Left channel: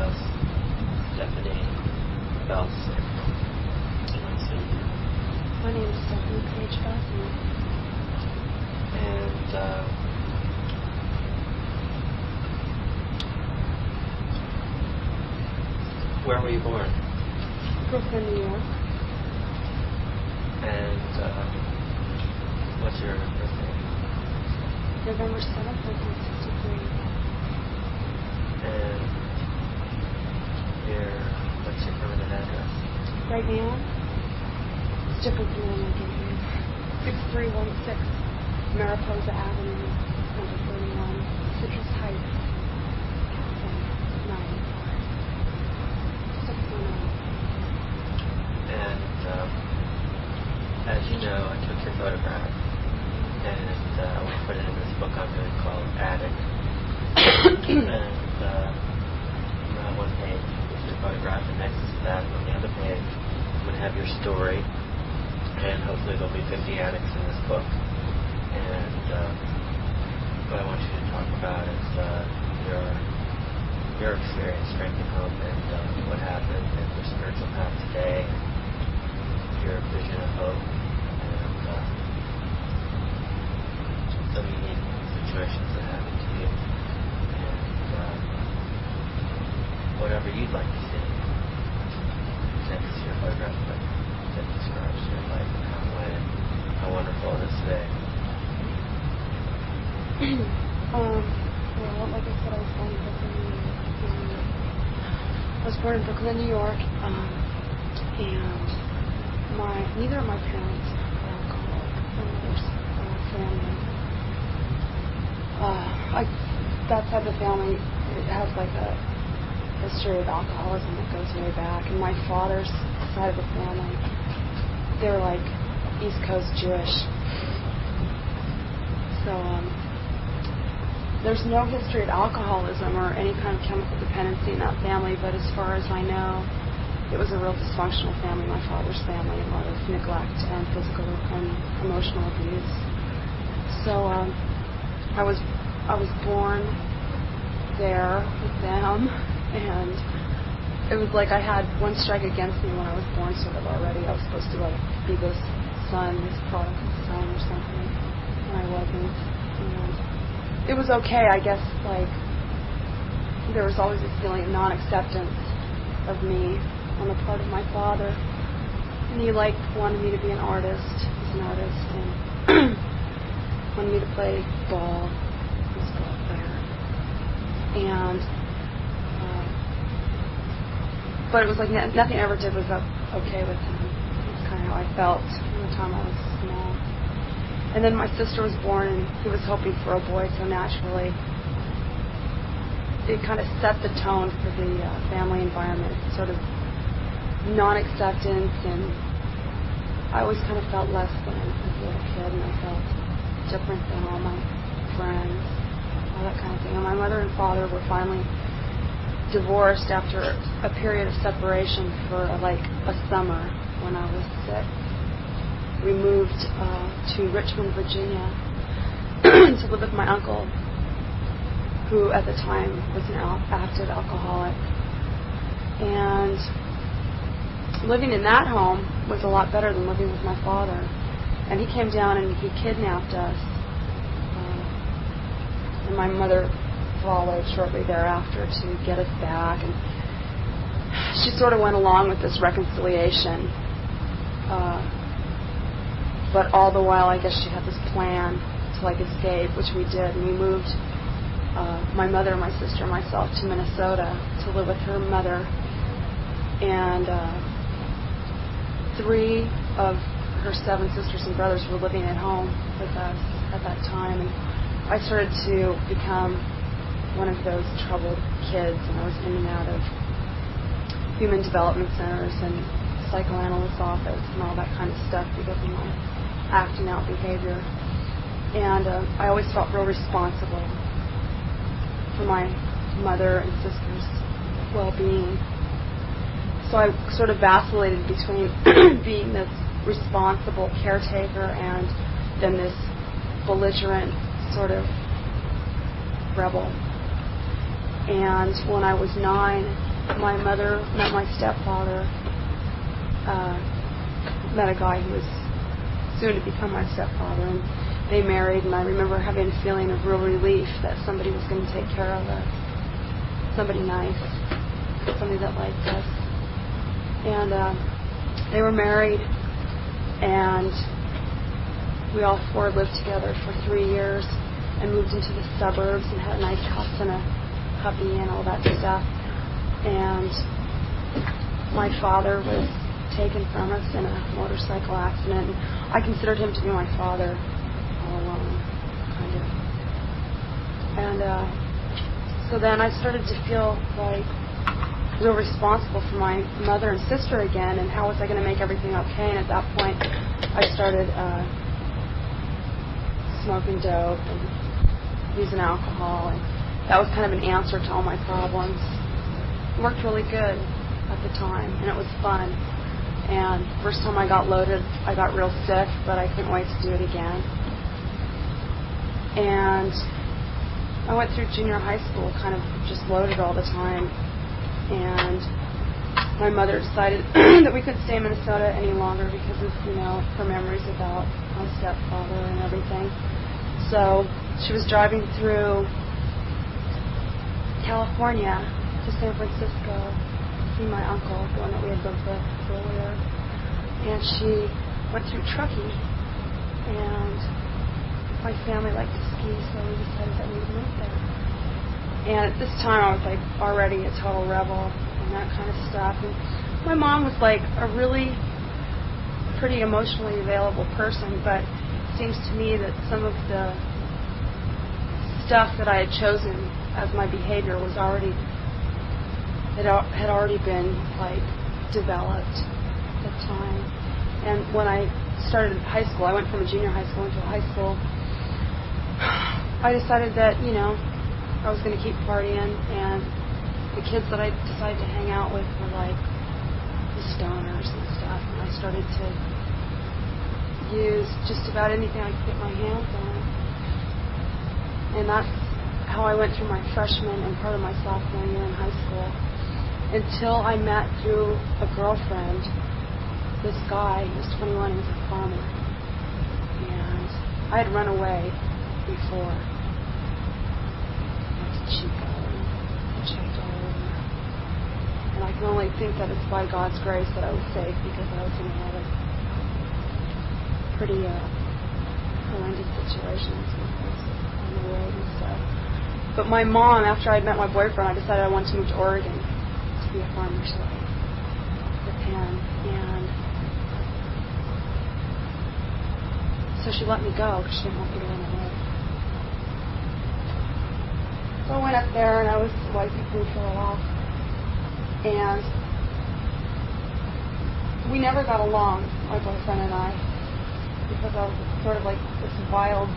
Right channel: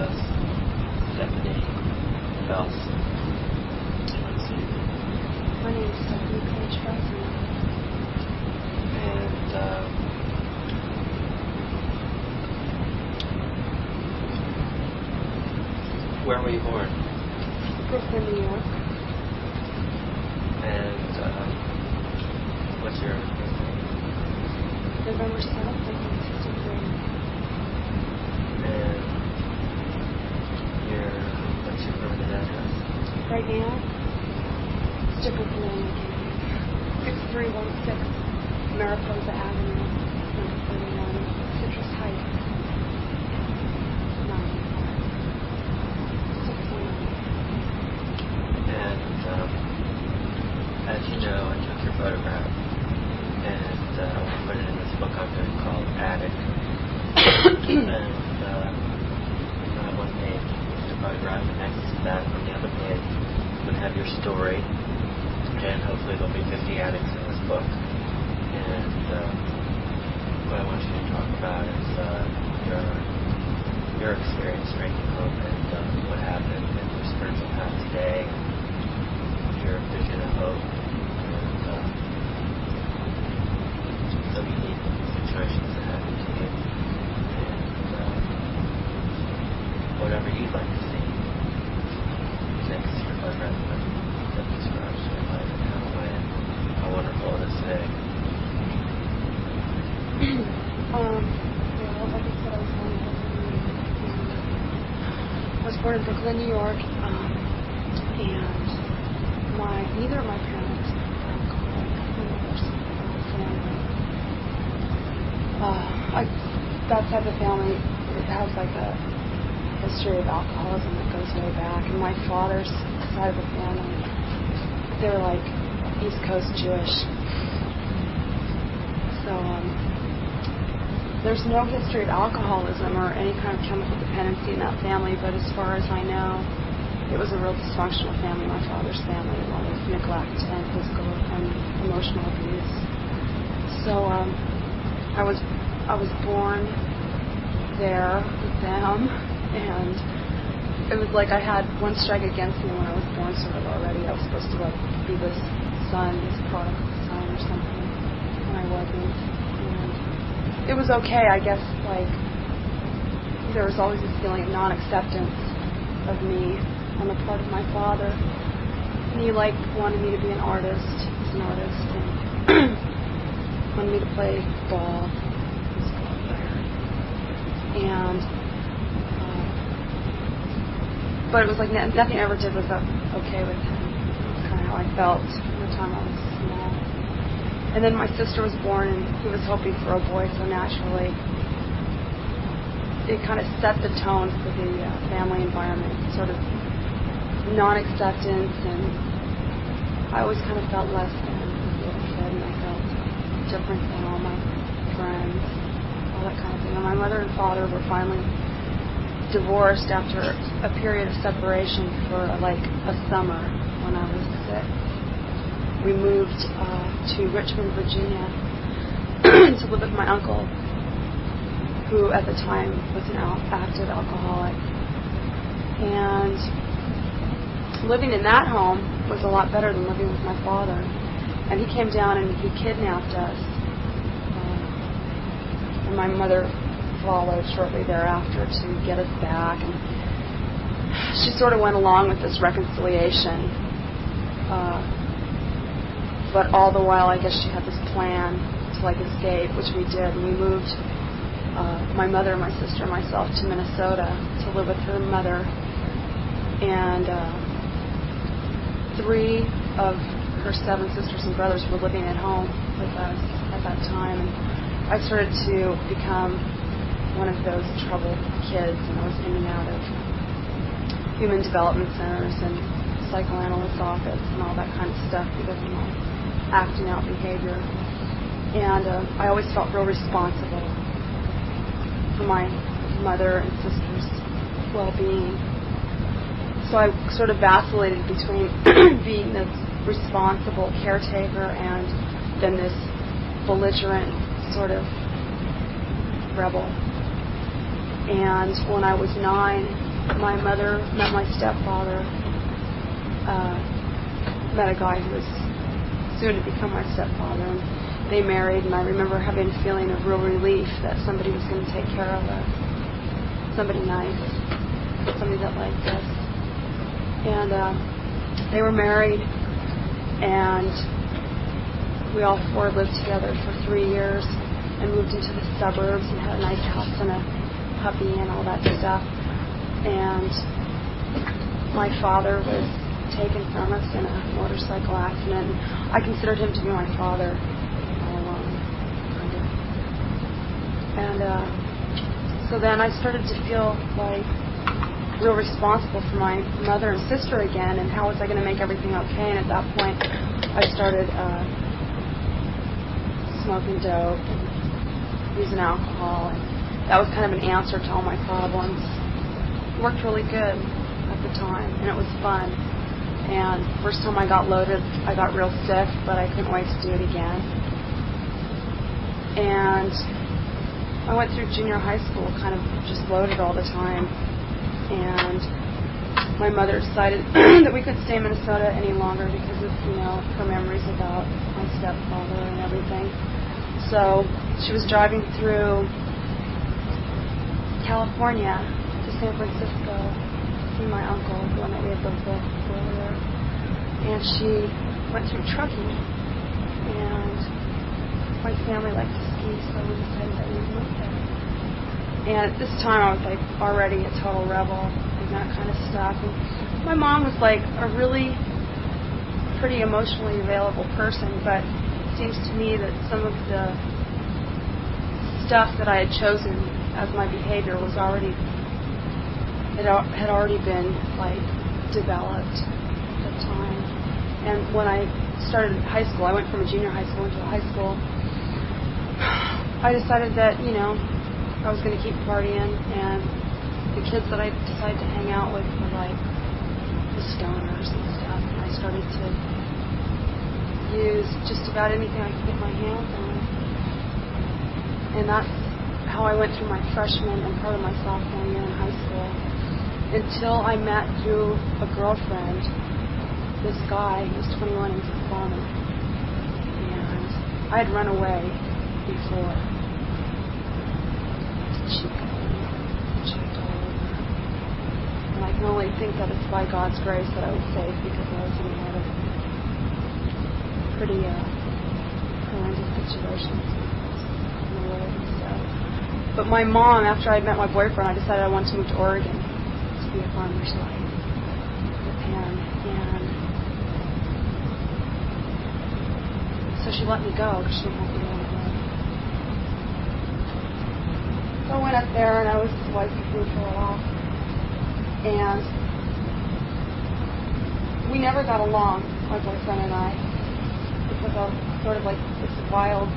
Stephanie Felsman. Let's see. My name is Stephanie Page Felsman. And where were you born? Brooklyn, New York. And what's your birthday? November 7th, 1963. And what's your permanent address? Right now, different from normal. 6316 Mariposa Avenue, number 31, Citrus Heights. 619. And as you know, I took your photograph, and I want to put it in this book I'm doing called Addict. And on one page is your photograph, and next to that, on the other page, I'm going to have your story, and hopefully there'll be 50 addicts in this book. And what I want you to talk about is your experience drinking hope, and what happened, and your spiritual path today, your vision of hope, and some unique situations that happened to you, and whatever you'd like to see. Next to your photograph that describes your life and how it went, how wonderful it is today. Well, like I said, I was born in Brooklyn, New York, and neither of my parents are alcoholic in their family. That side of the family, it has like a history of alcoholism that goes way back. And my father's side of the family, they're like East Coast Jewish. So there's no history of alcoholism or any kind of chemical dependency in that family, but as far as I know, it was a real dysfunctional family, my father's family, a lot of neglect and physical and emotional abuse. So I was born there with them, and it was like I had one strike against me when I was born sort of already. I was supposed to like be this son, this prodigal son or something, and I wasn't. And it was okay, I guess, like there was always this feeling of non-acceptance of me on the part of my father. And he wanted me to be an artist. He's an artist, and wanted me to play ball and stuff there. And but it was like nothing I ever did was okay with him. That's kind of how I felt from the time I was small. And then my sister was born, and he was hoping for a boy, so naturally it kind of set the tone for the family environment, sort of non-acceptance, and I always kind of felt less than as a little kid, and I felt different than all my friends, all that kind of thing. And my mother and father were finally divorced after a period of separation for like a summer when I was 6. We moved to Richmond, Virginia to live with my uncle, who at the time was an active alcoholic. And living in that home was a lot better than living with my father. And he came down and he kidnapped us. And my mother followed shortly thereafter to get us back. And she sort of went along with this reconciliation. But all the while, I guess she had this plan to escape, which we did. And we moved, my mother, my sister, and myself to Minnesota to live with her mother. And 3 of her 7 sisters and brothers were living at home with us at that time. And I started to become one of those troubled kids, and I was in and out of human development centers and psychoanalyst office and all that kind of stuff because of my acting out behavior. And I always felt real responsible for my mother and sister's well-being. So I sort of vacillated between being this responsible caretaker and then this belligerent sort of rebel. And when I was 9, my mother met my stepfather, met a guy who was soon to become my stepfather, and they married, and I remember having a feeling of real relief that somebody was going to take care of us, somebody nice, somebody that liked us. And they were married, and we all 4 lived together for 3 years and moved into the suburbs and had a nice house and a puppy and all that stuff. And my father was taken from us in a motorcycle accident. I considered him to be my father all along, kind of. And so then I started to feel like real responsible for my mother and sister again, and how was I going to make everything okay? And at that point, I started smoking dope and using alcohol, and that was kind of an answer to all my problems. It worked really good at the time, and it was fun. And first time I got loaded, I got real sick, but I couldn't wait to do it again. And I went through junior high school kind of just loaded all the time. And my mother decided that we couldn't stay in Minnesota any longer because of, her memories about my stepfather and everything. So she was driving through California to San Francisco to see my uncle, the one that we had lived with earlier. And she went through trucking, and my family liked to ski, so we decided that we would move there. And at this time I was already a total rebel and that kind of stuff. And my mom was a really pretty emotionally available person, but it seems to me that some of the stuff that I had chosen as my behavior was already had already been developed at the time. And when I started high school, I went from a junior high school into high school, I decided that I was going to keep partying, and the kids that I decided to hang out with were the stoners and stuff, and I started to use just about anything I could get my hands on. And that's how I went through my freshman and part of my sophomore year in high school, until I met through a girlfriend this guy who was 21 and he was a farmer. And I had run away before. And I can only think that it's by God's grace that I was saved, because I was in another pretty horrendous situation on the road and stuff. But my mom, after I met my boyfriend, I decided I wanted to move to Oregon to be a farmer with him. And so she let me go because she didn't want me to run away. So I went up there and I was licensed for a while. And we never got along, my boyfriend and I, because I was sort of this wild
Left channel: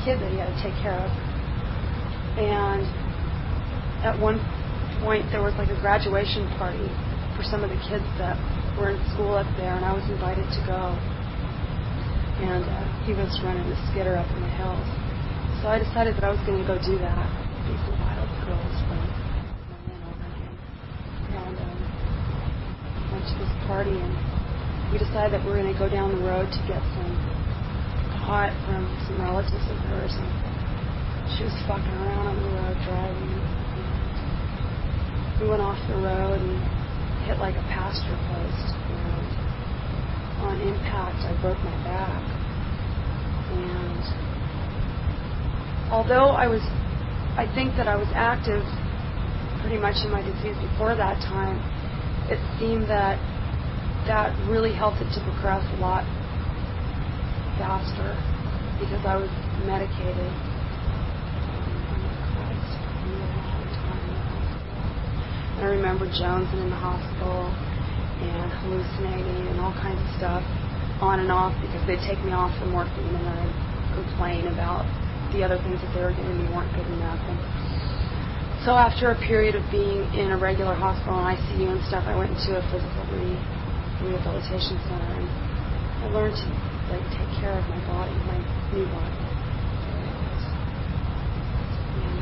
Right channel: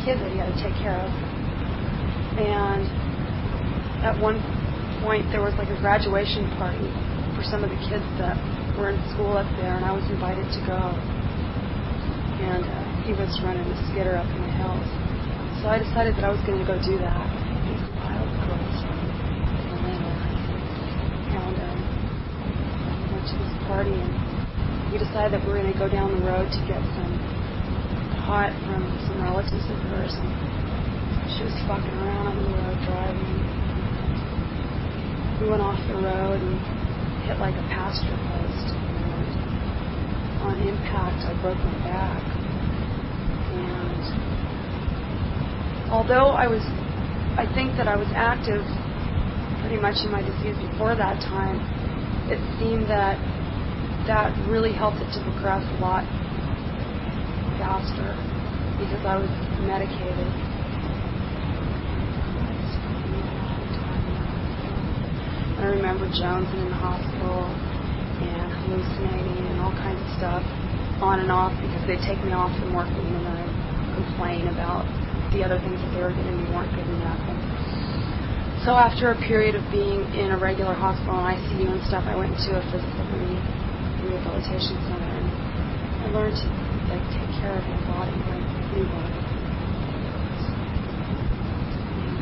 kid that he had to take care of. And at one point there was a graduation party for some of the kids that were in school up there, and I was invited to go. And he was running a skidder up in the hills. So I decided that I was going to go do that. These wild girls from Atlanta. And went to this party, and we decided that we were going to go down the road to get some pot from some relatives of hers. And she was fucking around on the road driving. And we went off the road and hit a pasture post. And on impact, I broke my back. And although I think that I was active pretty much in my disease before that time, it seemed that really helped it to progress a lot faster because I was medicated. And I remember jonesing in the hospital and hallucinating and all kinds of stuff on and off because they'd take me off the morphine and then I'd complain about the other things that they were giving me weren't good enough. And so after a period of being in a regular hospital and ICU and stuff, I went into a physical rehabilitation center, and I learned to take care of my body, my new body. And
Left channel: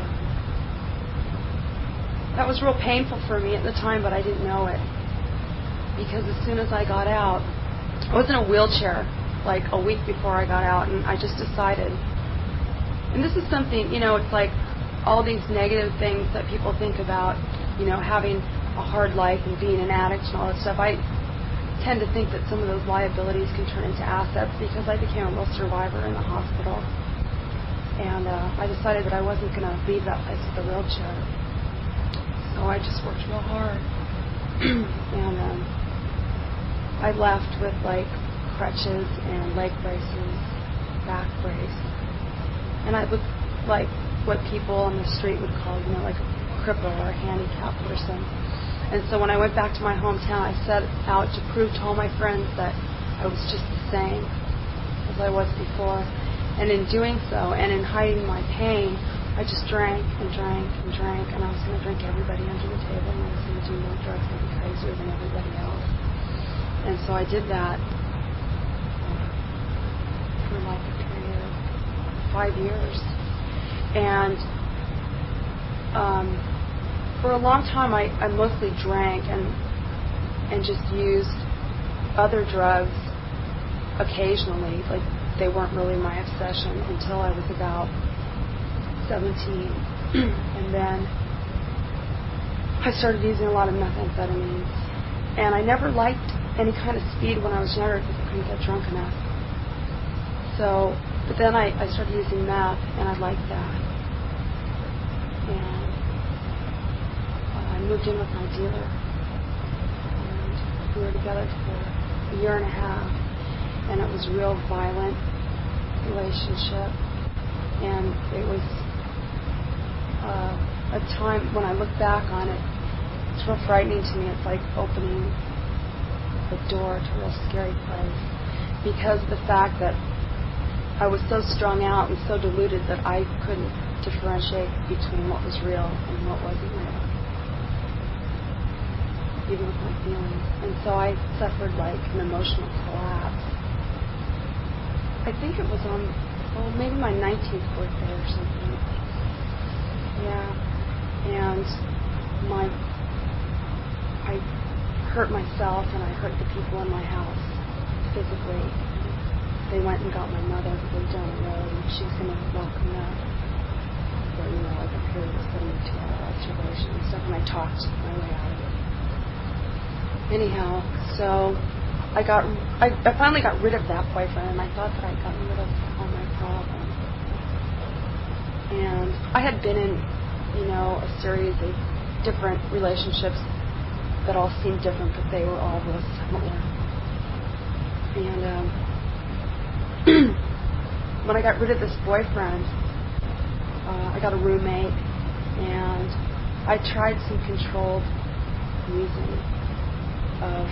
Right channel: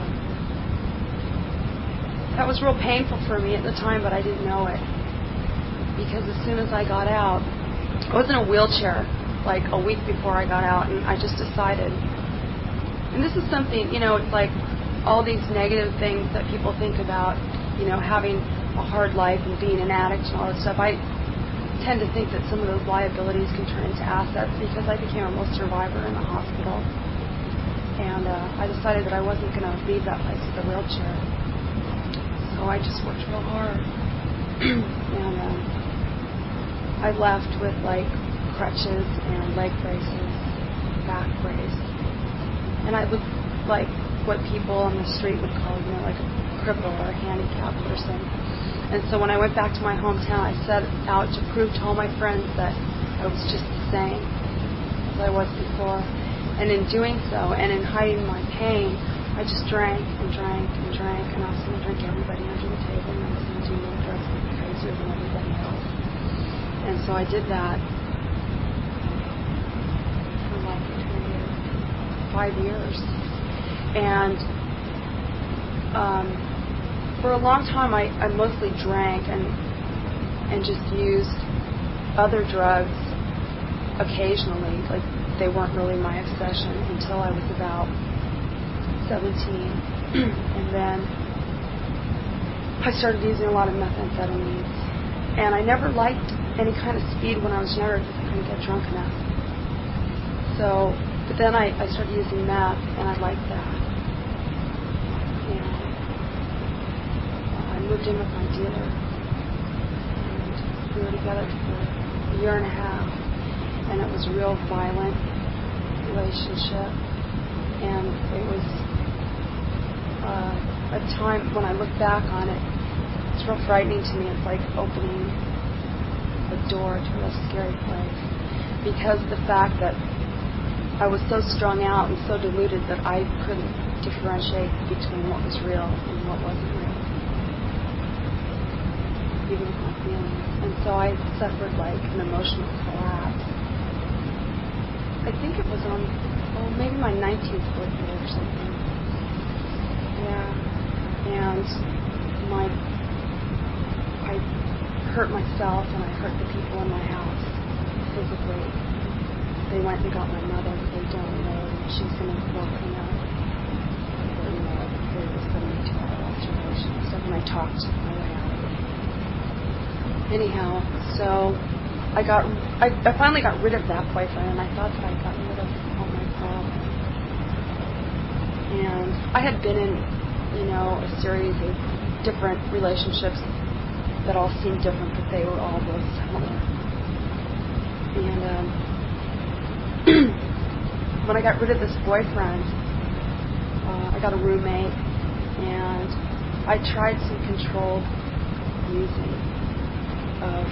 That was real painful for me at the time, but I didn't know it. Because as soon as I got out, I was in a wheelchair like a week before I got out, and I just decided, and this is something, it's like all these negative things that people think about, having a hard life and being an addict and all that stuff. I tend to think that some of those liabilities can turn into assets because I became a real survivor in the hospital. And I decided that I wasn't going to leave that place with a wheelchair. So I just worked real hard. And I left with like crutches and leg braces, back brace. And I was like what people on the street would call, like a cripple or a handicapped person. And so when I went back to my hometown, I set out to prove to all my friends that I was just the same as I was before. And in doing so, and in hiding my pain, I just drank and drank and drank, and I was going to drink everybody under the table, and I was going to do more drugs and be crazier than everybody else. And so I did that for like 5 years. And for a long time, I mostly drank and just used other drugs occasionally. Like, they weren't really my obsession until I was about 17. And then I started using a lot of methamphetamine. And I never liked any kind of speed when I was younger because I couldn't get drunk enough. So, but then I started using meth, and I liked that. And I moved in with my dealer, and we were together for a year and a half, and it was a real violent relationship, and it was a time when I look back on it, it's real frightening to me. It's like opening a door to a real scary place, because of the fact that I was so strung out and so deluded that I couldn't differentiate between what was real and what wasn't real, even with my feelings. And so I suffered like an emotional collapse. I think it was on, maybe my 19th birthday or something. Yeah. And I hurt myself, and I hurt the people in my house physically. They went and got my mother, but they don't know, and she's going to lock me up. So, like a period of 72-hour observation and stuff, and I talked my way out of it. Anyhow, so I finally got rid of that boyfriend, and I thought that I'd gotten rid of all my problems. And I had been in, a series of different relationships that all seemed different, but they were all real similar. And when I got rid of this boyfriend, I got a roommate, and I tried some controlled using of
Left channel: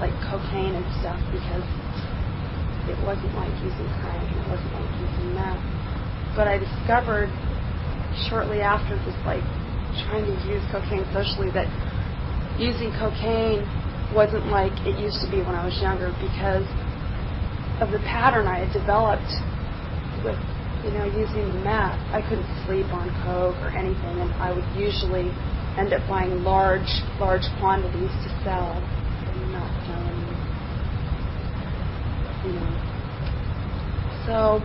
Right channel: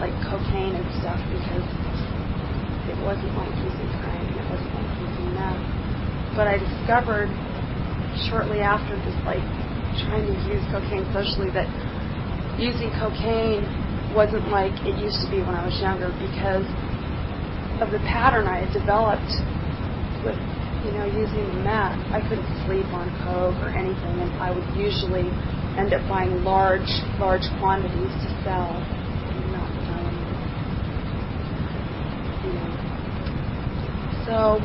like cocaine and stuff, because it wasn't like using crack, it wasn't like using meth. But I discovered shortly after just like trying to use cocaine socially that using cocaine wasn't like it used to be when I was younger, because of the pattern I had developed with, using the meth. I couldn't sleep on coke or anything, and I would usually end up buying large quantities to sell and not selling them. So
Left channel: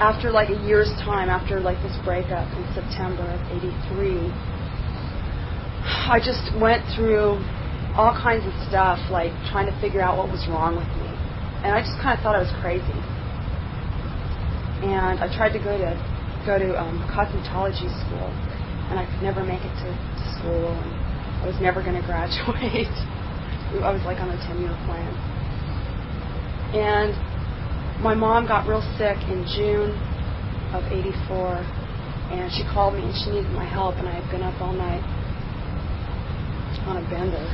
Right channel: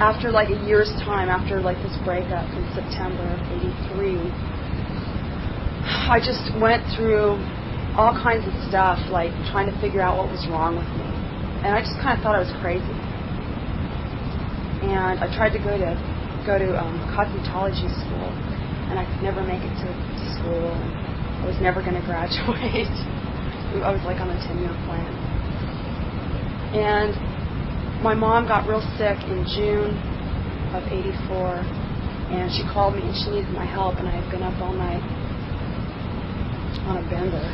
after like a year's time, after like this breakup in September of '83, I just went through all kinds of stuff, like trying to figure out what was wrong with me. And I just kind of thought I was crazy. And I tried to go to cosmetology school, and I could never make it to school, and I was never going to graduate. I was like on a 10-year plan. And my mom got real sick in June of '84, and she called me and she needed my help, and I had been up all night on a bender.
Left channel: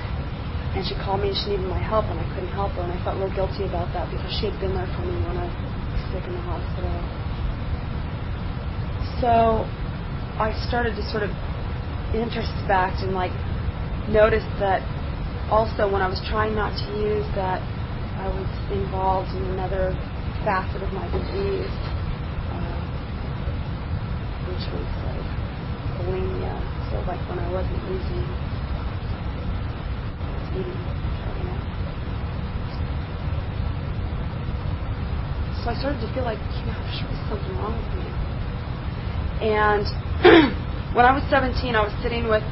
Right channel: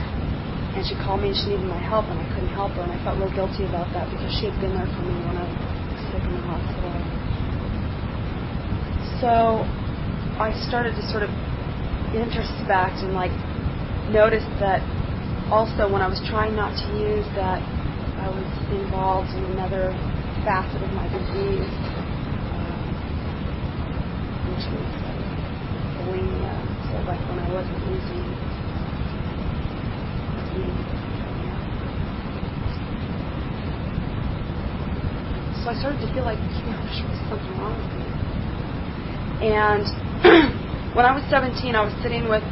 And she called me and she needed my help, and I couldn't help her, and I felt real guilty about that because she had been there for me when I was sick in the hospital. So I started to sort of introspect and like notice that also when I was trying not to use, that I was involved in another facet of my disease, which was like bulimia, so like when I wasn't using. So I started to feel like, there was something wrong with me. And when I was 17, I was sitting with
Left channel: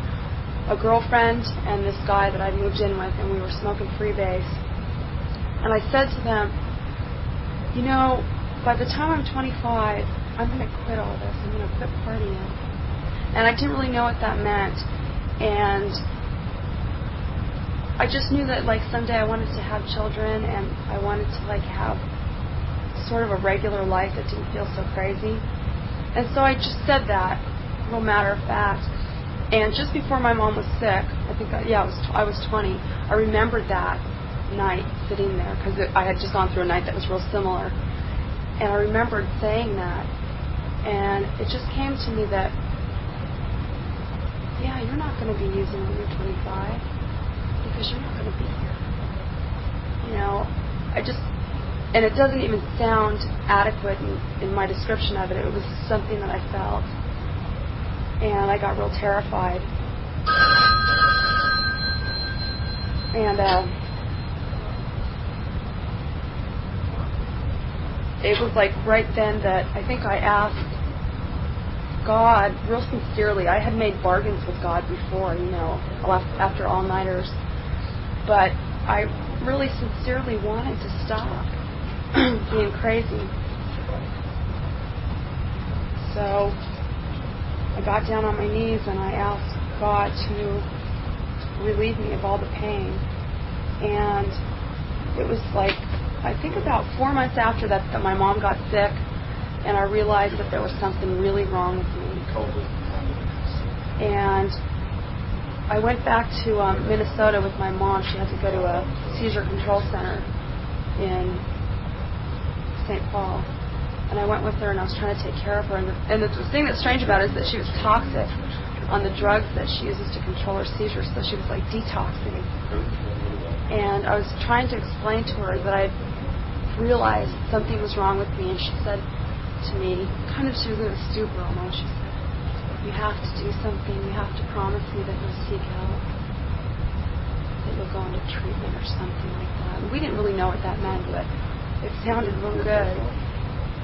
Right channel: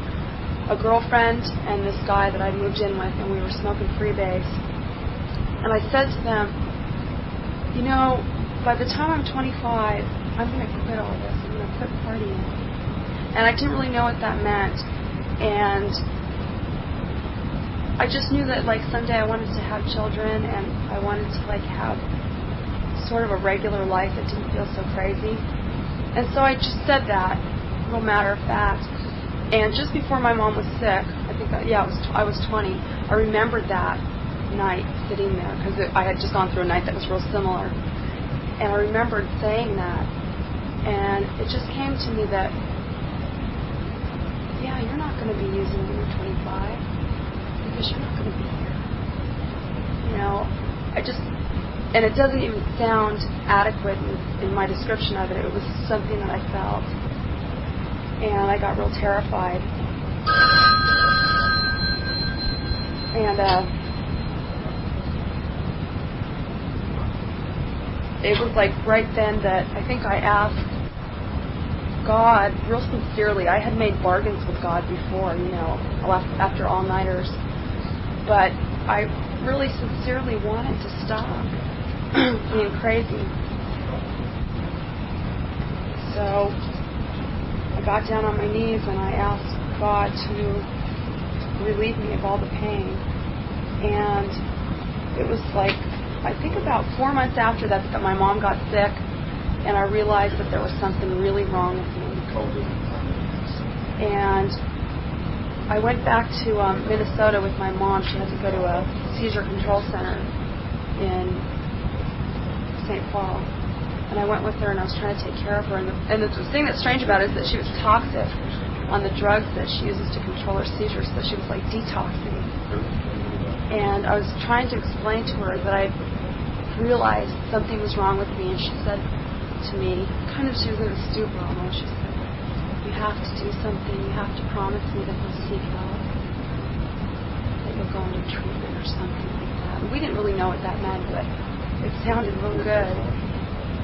a girlfriend and this guy that I moved in with, and we were smoking freebase. And I said to them, by the time I'm 25, I'm going to quit all this. I'm going to quit partying. And I didn't really know what that meant. And I just knew that, someday I wanted to have children, and I wanted to, have sort of a regular life that didn't feel so crazy. And so I just said that, no matter of fact. And just before my mom was sick, I think, I was 20, I remembered that night sitting there, because I had just gone through a night that was real similar. And I remembered saying that, and it just came to me that, you're not going to be using it when you're 25, because you're not going to be here. And it doesn't even sound adequate in my description of it. It was something that I felt, and I got real terrified. And it was right then that I think I asked God real sincerely. I had made bargains with God before, after all-nighters, but I really sincerely wanted to stop being crazy. So I got down on my knees and I asked God to relieve me of all the pain. And it was I think about 4 months after that my mom got sick, and I realized that there was something really wrong with me. And I went back to Minnesota with my mom. She had to go to a seizure control center in St. Paul. And I went with her, and I was trying to take care of her. And the thing that's strange about it is that she was toxic on the drugs that she uses to control her seizures, so she was detoxing. And I was trying to explain to her that I realized something was wrong with me, and she said to me, she was in a stupor almost, she said, you have to do something, you have to promise me that you'll speak out, that you'll go into treatment or something like that. And we didn't really know what that meant, but it sounded really good.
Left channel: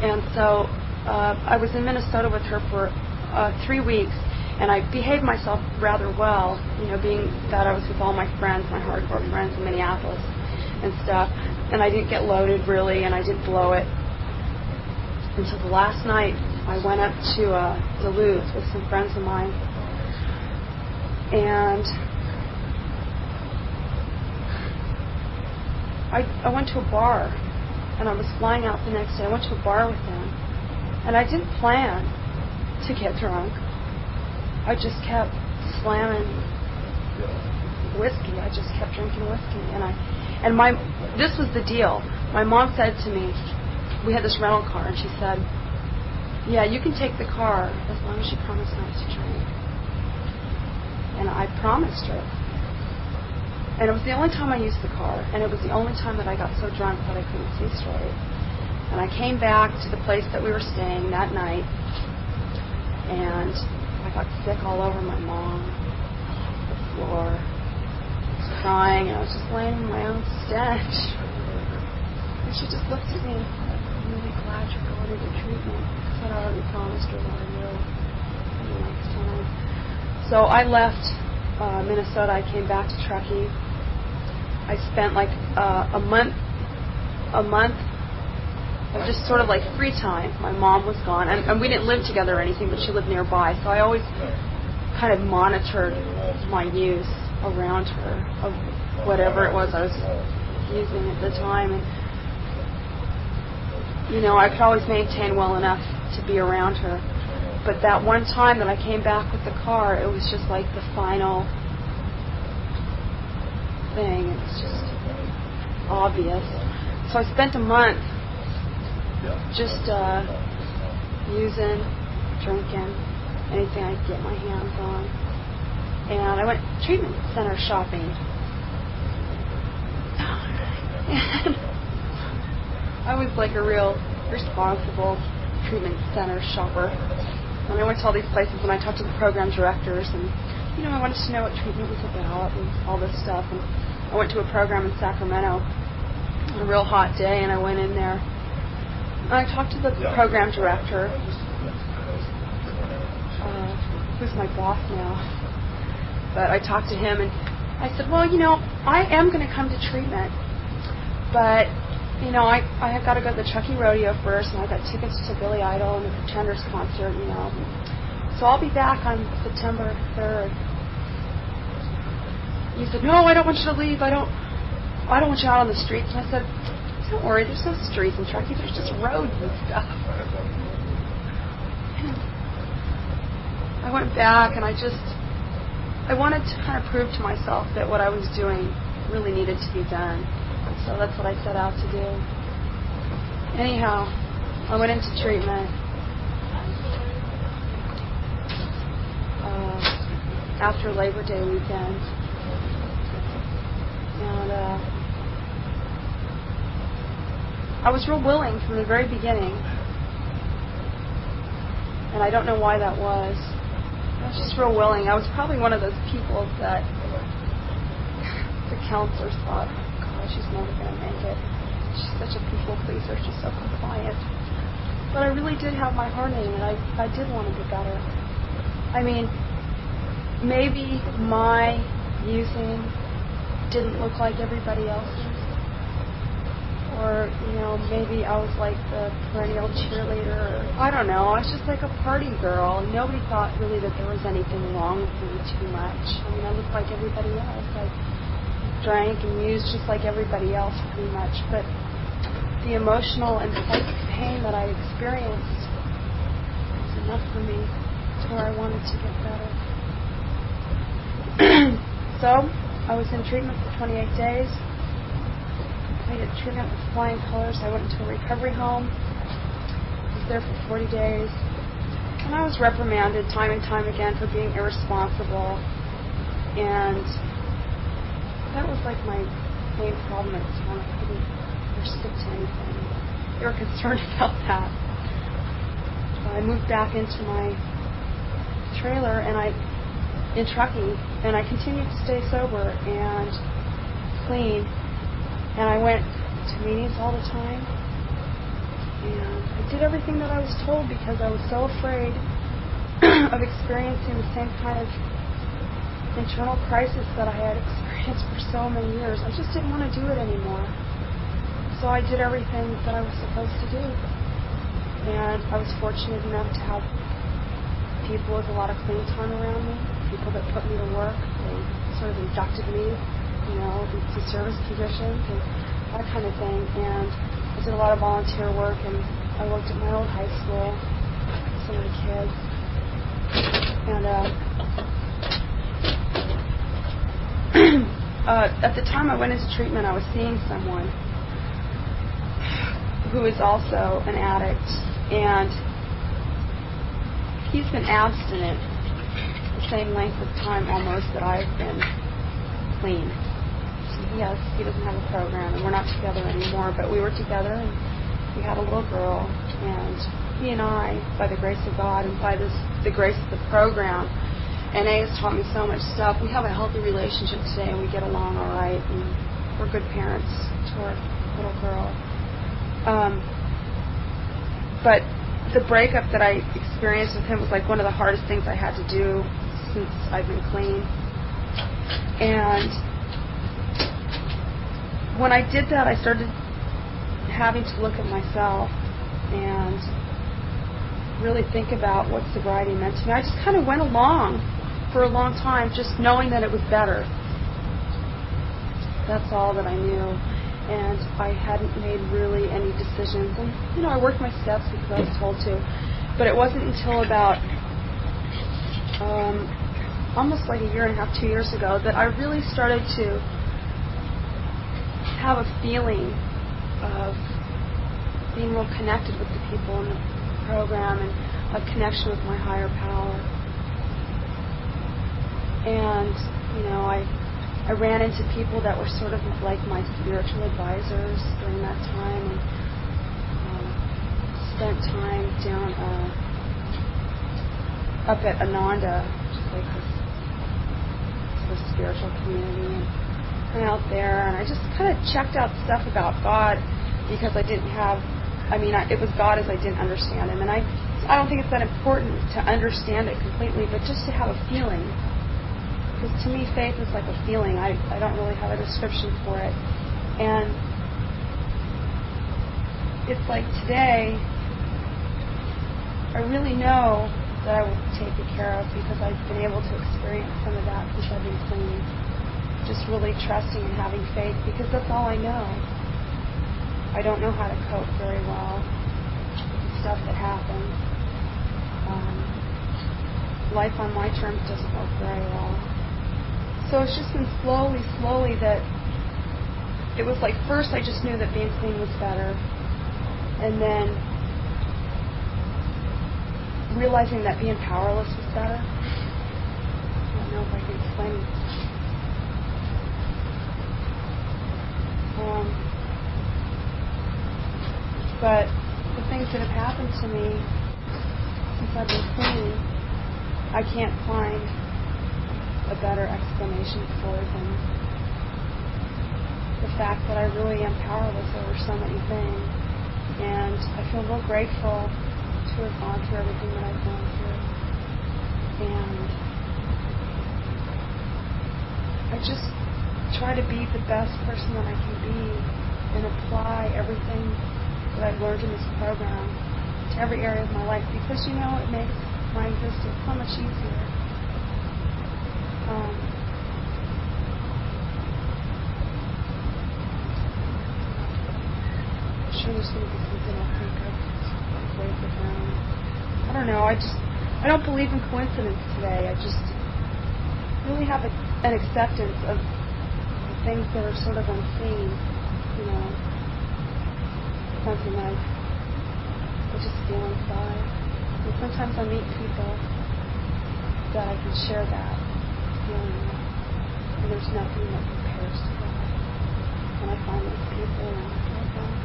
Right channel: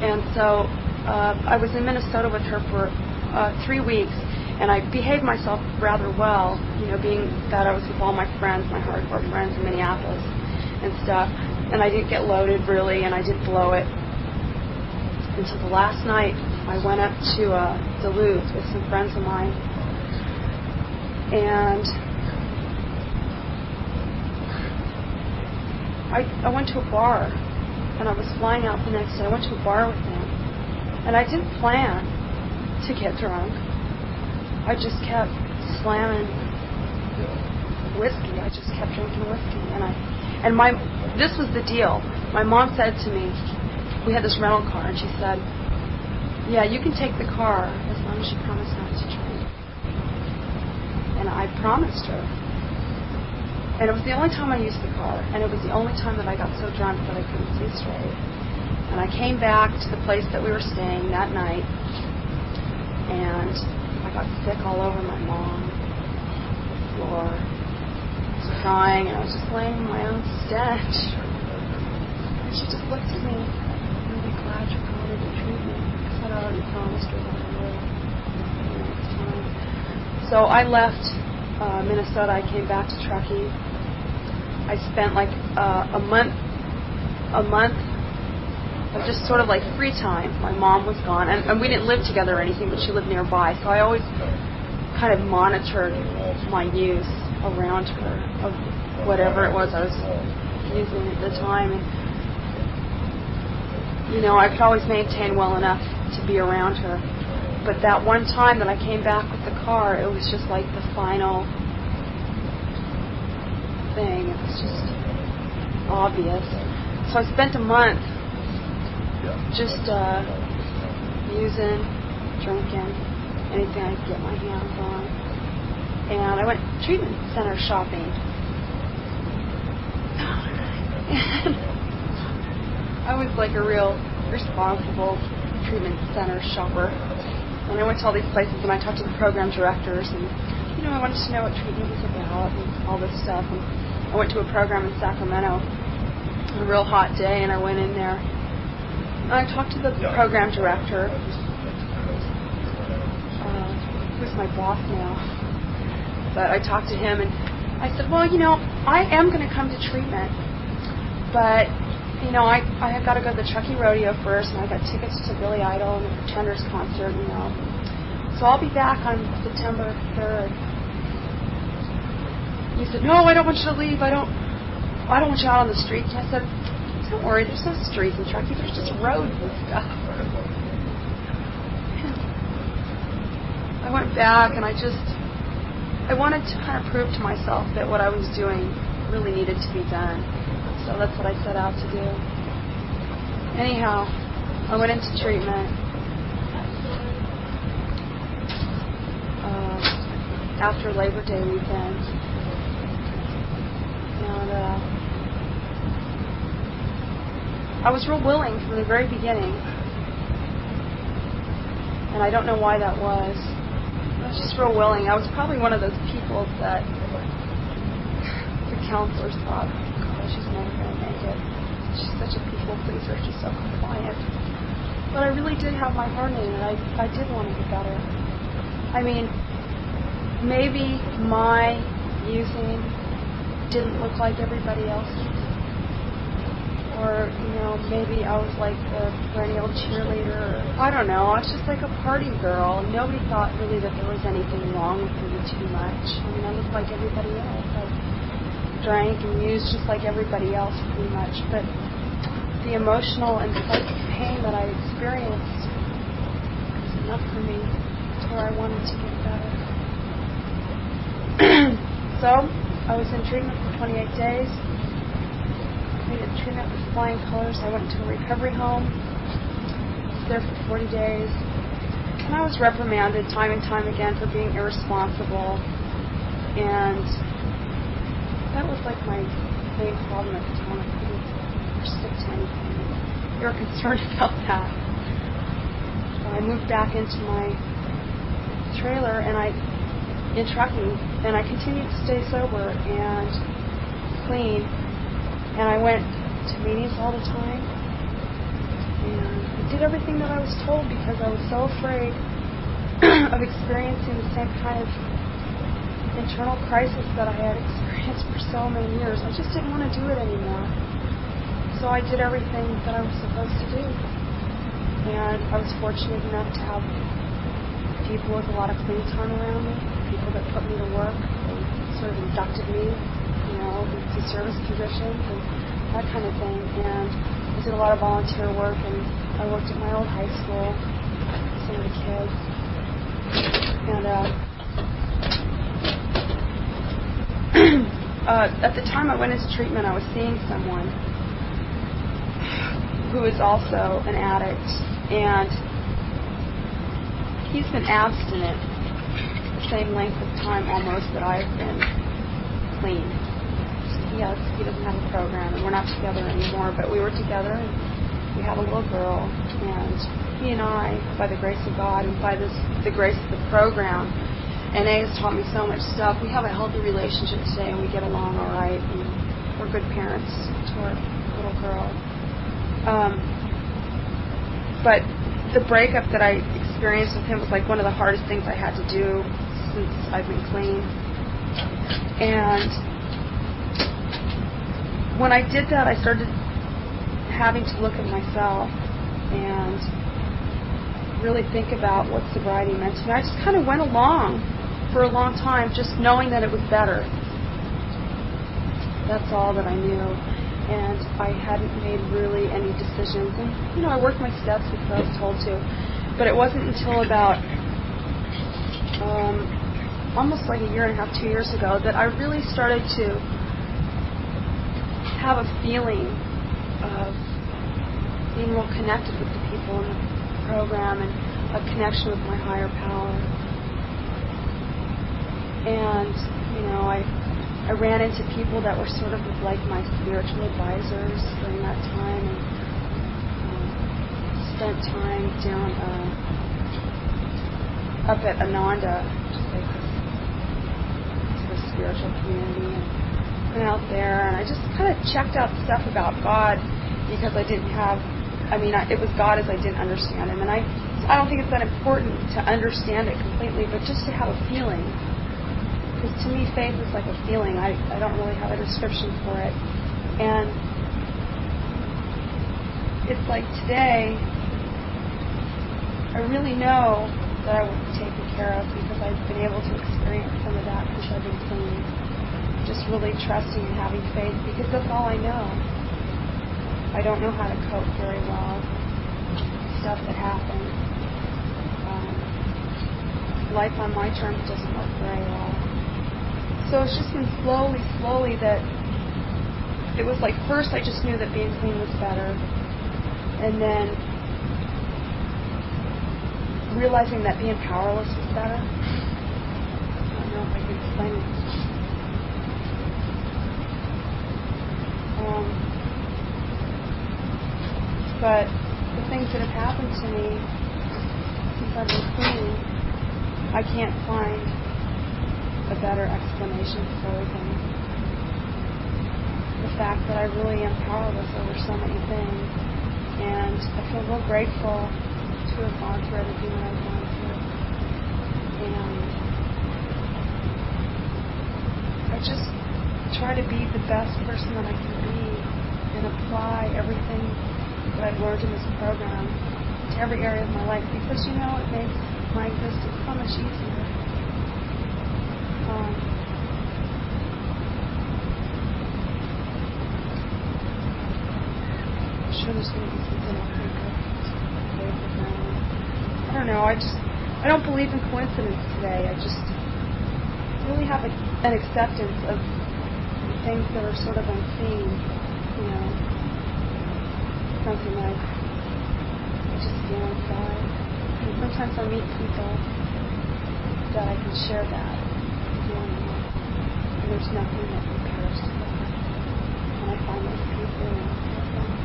And so I was in Minnesota with her for 3 weeks, and I behaved myself rather well, being that I was with all my friends, my hardcore friends in Minneapolis and stuff. And I didn't get loaded, really, and I didn't blow it. And so the last night, I went up to the Louvre with some friends of mine. And I went to a bar, and I was flying out the next day. I went to a bar with them, and I didn't plan to get drunk. I just kept slamming whiskey. I just kept drinking whiskey, this was the deal. My mom said to me, we had this rental car, and she said, you can take the car as long as you promise not to drink. And I promised her. And it was the only time I used the car, and it was the only time that I got so drunk that I couldn't see straight. And I came back to the place that we were staying that night, and I got sick all over my mom, the floor, crying, and I was just laying in my own stench. And she just looked at me, I'm really glad you're going into treatment. That's what I already promised her that I would the next time. So I left Minnesota. I came back to Truckee. I spent a month of just sort of free time. My mom was gone, and we didn't live together or anything, but she lived nearby, so I always kind of monitored my use around her of whatever it was I was using at the time. And I could always maintain well enough to be around her. But that one time that I came back with the car, it was just the final thing. It was just obvious. So I spent a month just using, drinking, anything I could get my hands on. And I went treatment center shopping. I was a real responsible treatment center shopper. And I went to all these places and I talked to the program directors, and I wanted to know what treatment was about and all this stuff. And I went to a program in Sacramento on a real hot day, and I went in there. And I talked to the program director, who's my boss now. But I talked to him, and I said, well, I am going to come to treatment, but, I have got to go to the Kentucky Rodeo first, and I've got tickets to Billy Idol and the Pretenders concert, So I'll be back on September 3rd. And he said, no, I don't want you to leave. I don't want you out on the streets. And I said, don't worry, there's no streets in Kentucky, there's just roads and stuff. I went back, and I wanted to kind of prove to myself that what I was doing really needed to be done. So that's what I set out to do. Anyhow, I went into treatment after Labor Day weekend. And I was real willing from the very beginning. And I don't know why that was. I was just real willing. I was probably one of those people that the counselors thought, God, he's never going to make it. She's such a people pleaser. She's so compliant. But I really did have my heart in it. I did want to get better. I mean, maybe my using didn't look like everybody else's. Or, maybe I was like the perennial cheerleader. I don't know. I was just like a party girl. Nobody thought really that there was anything wrong with me too much. I mean, I looked like everybody else. I drank and used just like everybody else pretty much. But the emotional and psychic pain that I experienced was enough for me to where I wanted to get better. So, I was in treatment for 28 days. I did treatment with flying colors. I went to a recovery home. I was there for 40 days. And I was reprimanded time and time again for being irresponsible. And that was like my main problem at the time. I couldn't stick to anything. They were concerned about that. I moved back into my trailer in Truckee, and I continued to stay sober and clean. And I went to meetings all the time. And I did everything that I was told because I was so afraid of experiencing the same kind of internal crisis that I had experienced for so many years. I just didn't want to do it anymore. So I did everything that I was supposed to do. And I was fortunate enough to have people with a lot of clean time around me, people that put me to work. They sort of inducted me, into service positions and that kind of thing. And I did a lot of volunteer work, and I worked at my old high school with some of the kids. And at the time I went into treatment, I was seeing someone who is also an addict, and he's been abstinent the same length of time almost that I've been clean. So he doesn't have a program, and we're not together anymore, but we were together, and we had a little girl, and he and I, by the grace of God and by the grace of the program, NA has taught me so much stuff. We have a healthy relationship today, and we get along all right, and we're good parents to our little girl. But the breakup that I experienced with him was like one of the hardest things I had to do since I've been clean. And when I did that, I started having to look at myself and really think about what sobriety meant to me. I just kind of went along for a long time just knowing that it was better. That's all that I knew. And I hadn't made really any decisions. And, I worked my steps because I was told to. But it wasn't until about almost like a year and a half, 2 years ago, that I really started to have a feeling of being more connected with the people in the program and a connection with my higher power. And, I ran into people that were sort of like my spiritual advisors during that time, and spent time down up at Ananda, like spiritual community and went out there, and I just kind of checked out stuff about God because I didn't have, it was God as I didn't understand Him. And I don't think it's that important to understand it completely, but just to have a feeling. Because to me, faith is like a feeling. I don't really have a description for it. And it's like today, I really know that I will be taken care of because I've been able to experience some of that since I've been clean. Just really trusting and having faith because that's all I know. I don't know how to cope very well with stuff that happens. Life on my terms doesn't work very well. So it's just been slowly that it was like first I just knew that being clean was better. And then realizing that being powerless was better. I don't know if I can explain it. But the things that have happened to me since I've been clean, I can't find a better explanation for than the fact that I really am powerless over so many things. And I feel real grateful to have gone through everything that I've gone through. And I just try to be the best person that I can be and apply everything that I've learned in this program to every area of my life because, it makes my existence so much easier. There's going to be something I'll think of. I don't know. I don't believe in coincidence today. I just really have an acceptance of the things that are sort of unseen. Something like I just feel inside. And sometimes I meet people that I can share that feeling with. And there's nothing that compares to that. And I find those people and that's all.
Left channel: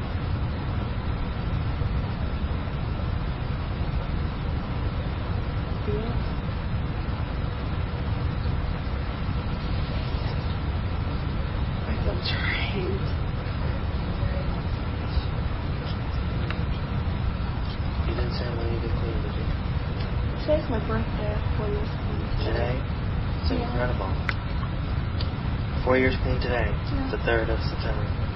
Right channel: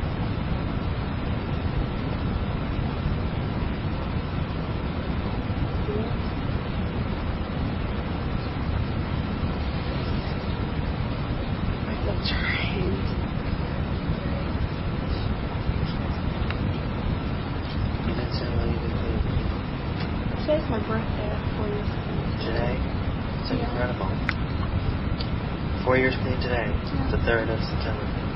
I feel drained. You didn't say when you did clean, did you? Today's my birthday, 4 years clean. Today? It's incredible. 4 years clean today. Yeah. The 3rd of September.